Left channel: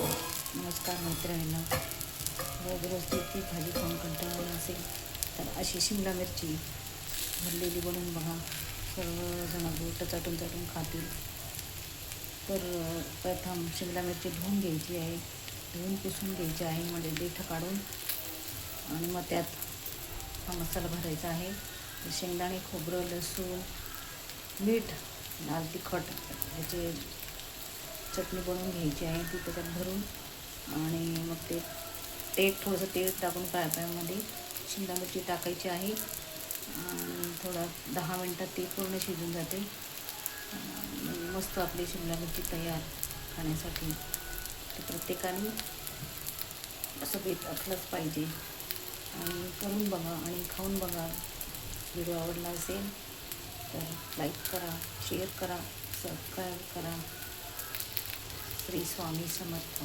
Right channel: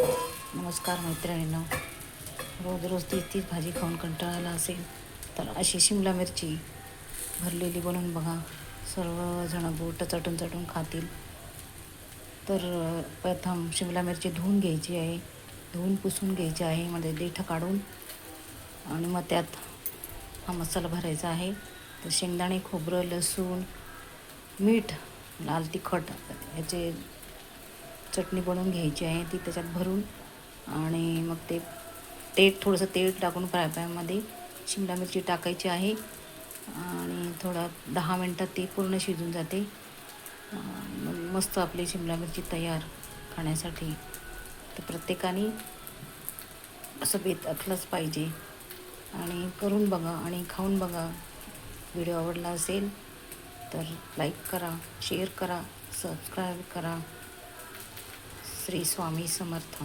नमस्कार मैत्रिणींनो, रोज रोज तीच भाजी खाऊन कंटाळा असेल तर अशी शिमला मिरची भरलेली बनवून बघा. सर्वजण बोटं चटून चटून खातील. तर प्रथम शिमला मिरची धुवून घ्यायची आहे, धुवून पुसून घ्यायची आहे, म्हणजे देठं काढून. आणि मग त्यात हा मसाला भरायचा आहे. तर शेंगदाणे, खोबरं, लसूण, मीठ, लाल तिखट याचे चटणी बनवून घ्यायची आहे, ती त्याच्यात भरून. आणि मग ते थोडंसं तेल टाकून फ्राय पॅनमध्ये शिमला मिरची टाकायची आहे. आणि थोडा 10 मिनटात ती पूर्ण शिजून जाते. मस्त आपली शिमला मिरची तयार खाण्यासाठी. ते प्रत्येकाने असं बेत असलंच पाहिजे. आणि करून बघा आणि खाऊन बघा. व्हिडिओ आवडला असेल तर लाईक करा, शेअर करा, सबस्क्राईब करा. श्री स्वामी समर्थ.